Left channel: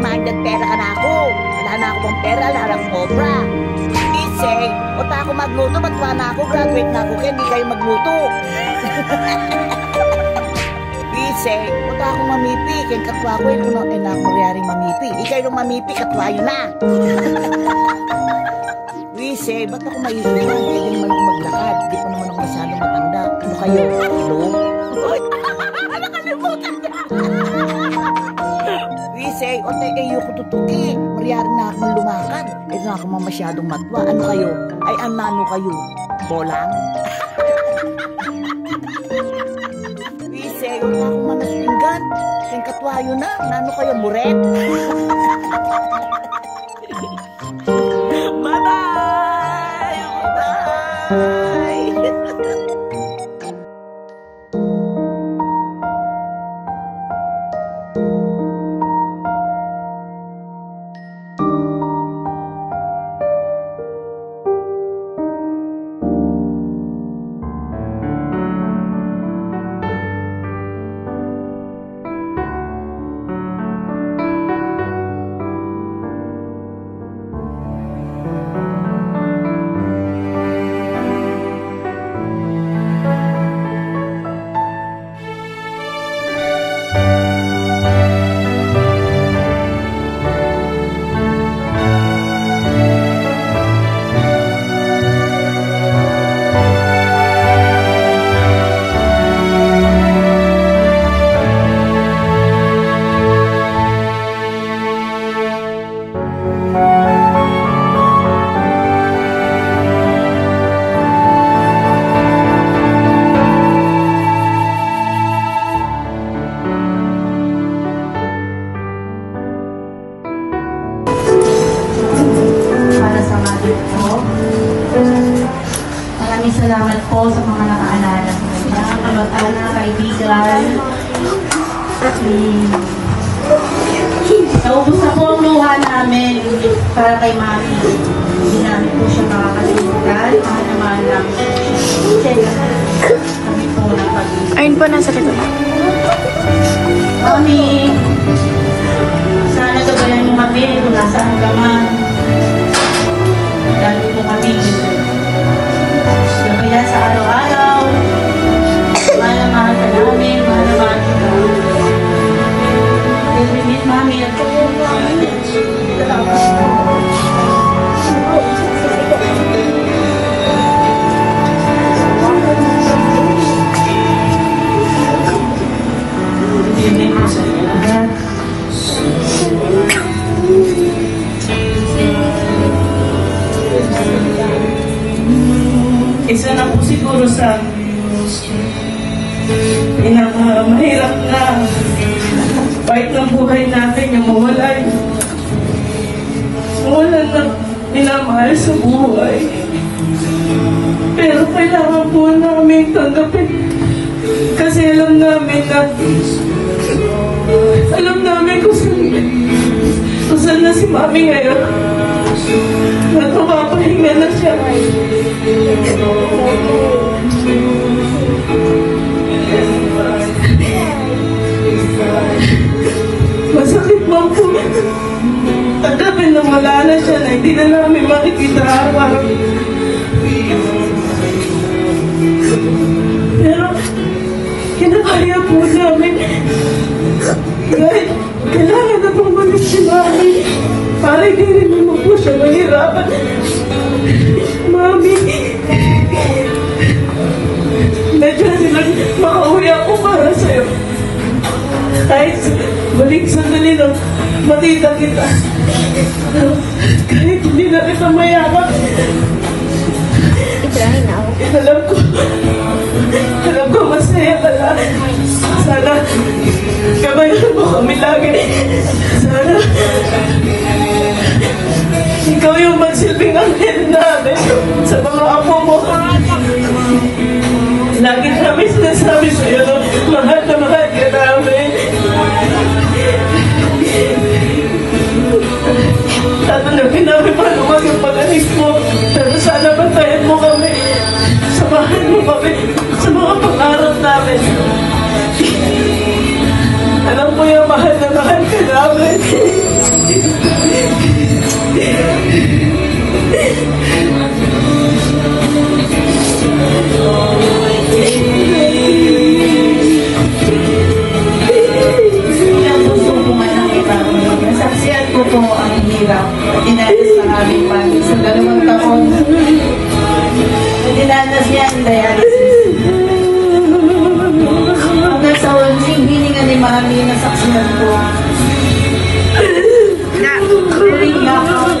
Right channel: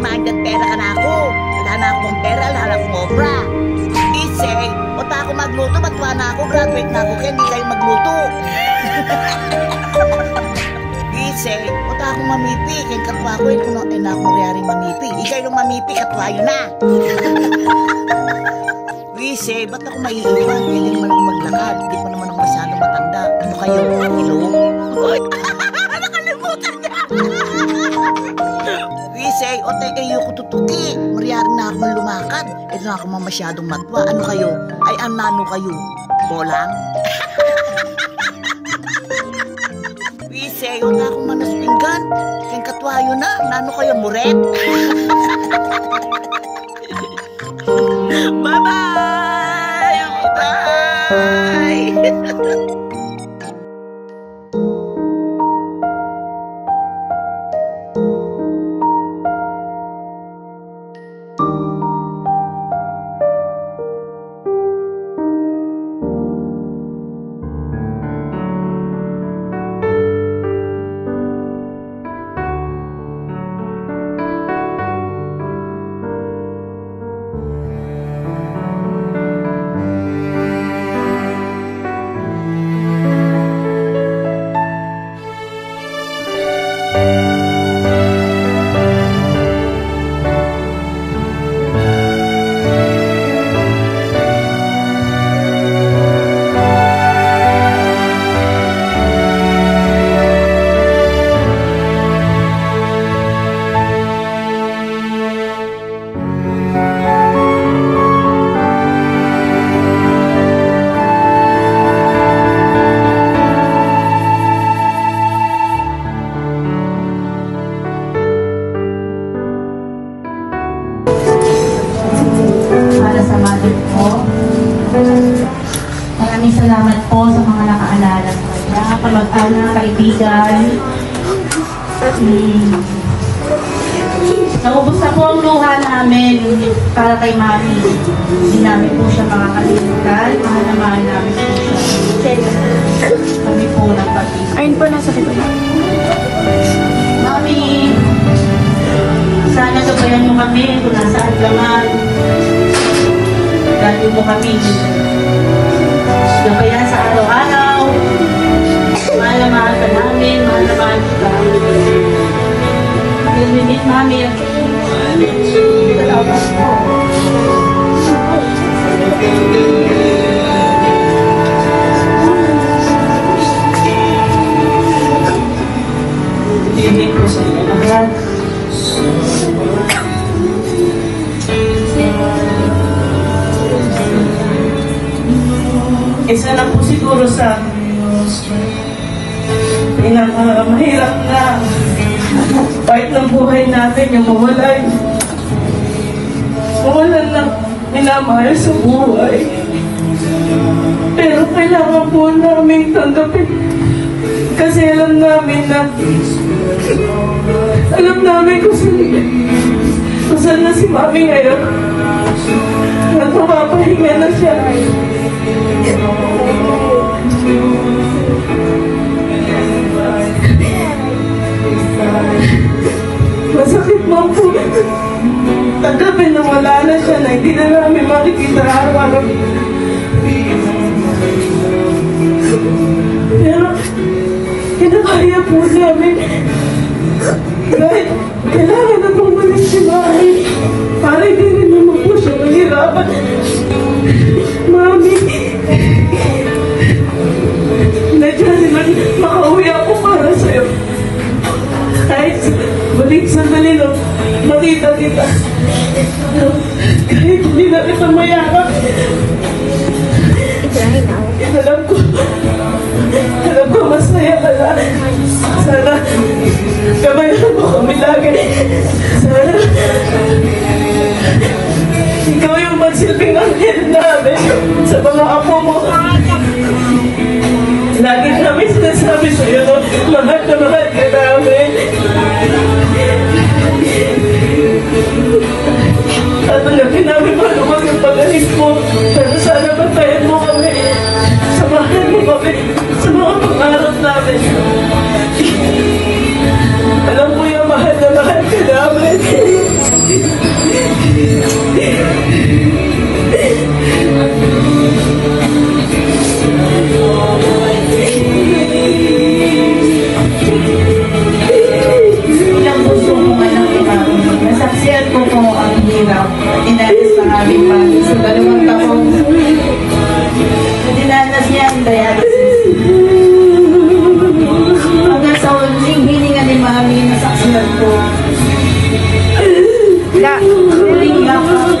Magdag pera ka na ako. Wala na ako pang pera, wala na akong obra. Isay, uta ako magluto, batwa na ako, graduate na ako, kaya hindi kayo magluto. Isay, uta ako mamipi, kaya katwa ko, na ako mariyaring mamipi. Ikay nung mamipi, katwa yun na. Isay, ba't ako maiiwan? Kaya din naman ako maglakad, di pa naman ako masyadong matanda. Ano kayo? Hello? Nakalimutan niya! Say, o tayo ko tutuki. Mariyaring na ako lumakad. Ito na ako masyadong matwa. Ano kayo? Ay, anano kayo? Bolang? Isay, wala akong manaspinggan. Kaya katwayo na, nano kayo muret? Bye-bye! Bye! Salamat po sa mga nakaalala ko. Mga kamag-anak, kaibigan. Naubos na po ang luha namin para kay Mami. Hindi namin po siya makakalimutan. Mahal na mahal namin siya. Kami po nagpag-ibig. Ayun po, nasa likod. Mami, sana gabayan mo kami kung nasaan ka man. Dati po kami. Gabayan sa araw-araw. Mahal na mahal ka namin. Mahal na mahal ka. Nilimiit, Mami. Nilimiit ko sa iyo lahat. Isa na po siguro sa pinakamahirap na part ng buhay natin, yung mawalay. Mawalan ng minamahal sa buhay. Pero kailangan po namin tanggapin. Kasi alam namin kung saan na si Mami ngayon. Nagpapahinga na siya. Masakit man po. Tanggapin na wala na siya, na hindi na namin makikita araw-araw. Pero kinakaya po namin. Kahit kailangan na bumalik si Mami para hindi rin naman po siya mahirapan. Mami, medyo silang makauwi ako para sa'yo. Kahit balik sandali lang, makita kita. Kahit hindi na kita mayakap. Alam ko masaya ka lang. Sana gabayan mo kami lagi. Sana ikaw yung magsilbing anghel namin sa mga apo mo. Lagi namin sinasabi sa'yo, mahal na mahal ka namin. At tanggapin namin maluwag yung pag-alis mo. Pero sana bantayan mo kami. Samahan mo kami sa mga pangarap namin. Alam ko yung mahal na mahal ka namin. Ang gusto ko man ang iba. Nasaksiyan ko po ang hirap. Dinanas sa aming pangis sa 2 taon. Dinanas niya ang dialysis. Hanggang sa huling hininga ni Mami, nasaksiyan ko. Huling yakap.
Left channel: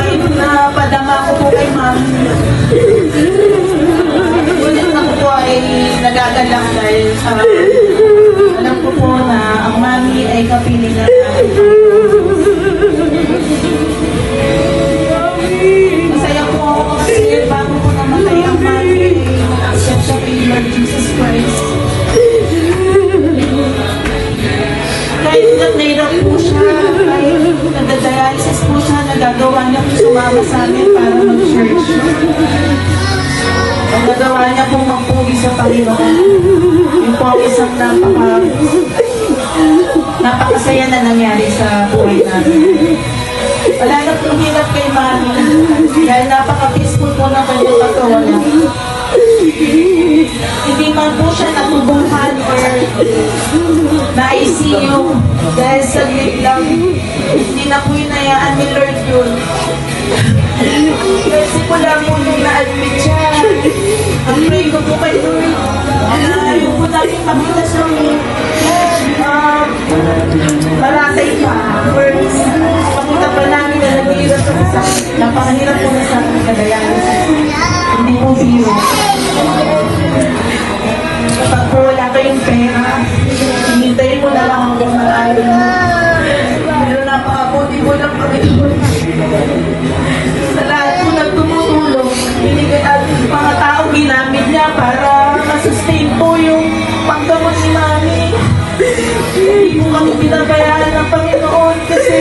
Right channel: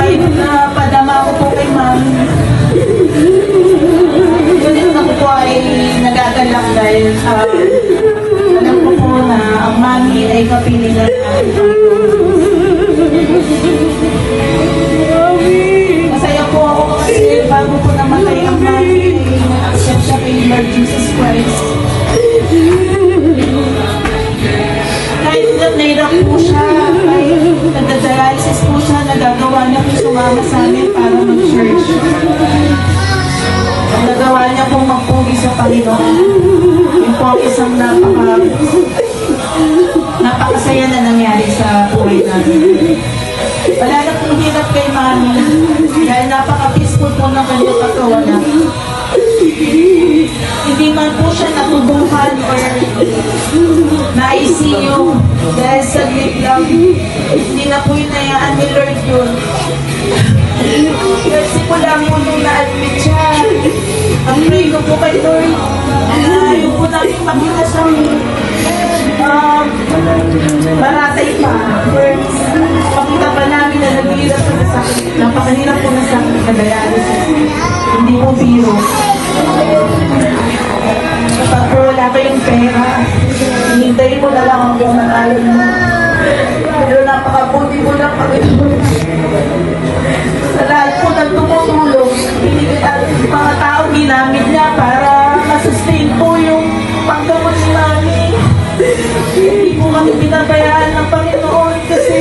Kahit na padama ko po kay Mami. Ngunit ako po ay nagagala mami ay kapiling na namin. Masaya po ako kasi bago po namatay ang mami, accept siya kay Lord Jesus Christ. Kahit nahirap po siya, kahit nagda-dialysis po siya, nagagawa niya po sumama sa amin para mag-church. Ang nagawa niya po magpugi sa Panginoon. Yung po ang isang napakasaya na nangyari sa buhay namin. Wala na pong hirap kay mami dahil napaka-peaceful po ng kanyang pagkawalan. Hindi man po siya natubuhan or na-ICU dahil sa late lang. Hindi na po yun nayaan ni Lord yun. Kasi po lang po nung na-admit siya. Ang pray ko po kay Lord. Yung po namin pakita siyang maratay pa. Words. Pakita pa namin na nag-iirap po sa akin. Napakahirap po na sa akin sa dialysis. Hindi po biro. Kapag po wala kayong pera, hinintayin mo na lang ang pumakain. Pero napakabuti mo lang pag-itulong. Sa lahat po ng tumutulong, mga tao ginamit niya para masustain po yung paggamot ni mami. Hindi po kami pinabayaan ng Panginoon kasi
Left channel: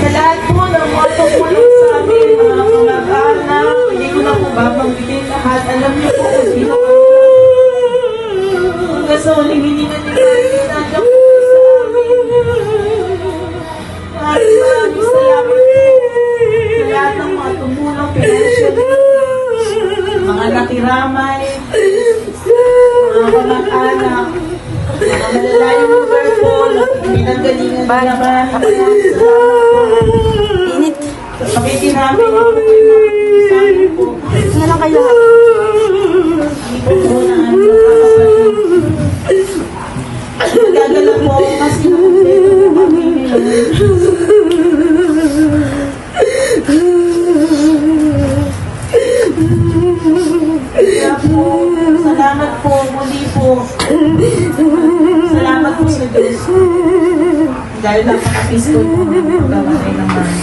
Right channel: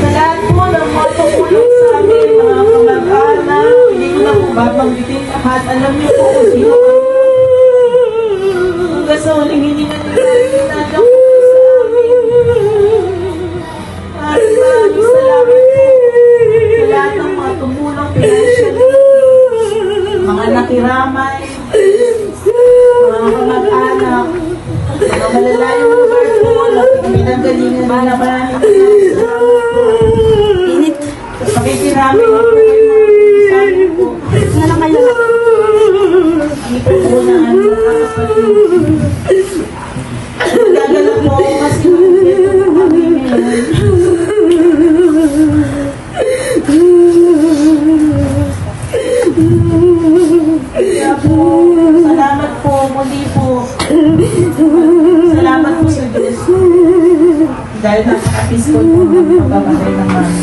sa lahat po ng mga tumulong sa amin, mga kamag-anak, hindi ko na po babanggitin lahat. Alam niyo po kung sino kami. Hanggang sa huling hindi na nila ginagawa po sa amin. Maraming salamat po sa lahat ng mga tumulong financially, mga nakiramay, mga kamag-anak, mga malalayong lugar po, pinagalingan ba naman. Init. Pakikinamin ako kayo mga sabi po. Wala kayo. Hindi po po na ang nagagala po ako kasi kami ngayon. Salamat po, muli po. Salamat po sa Diyos. Dahil napaka-peaceful po ang pagbabatay ng mami.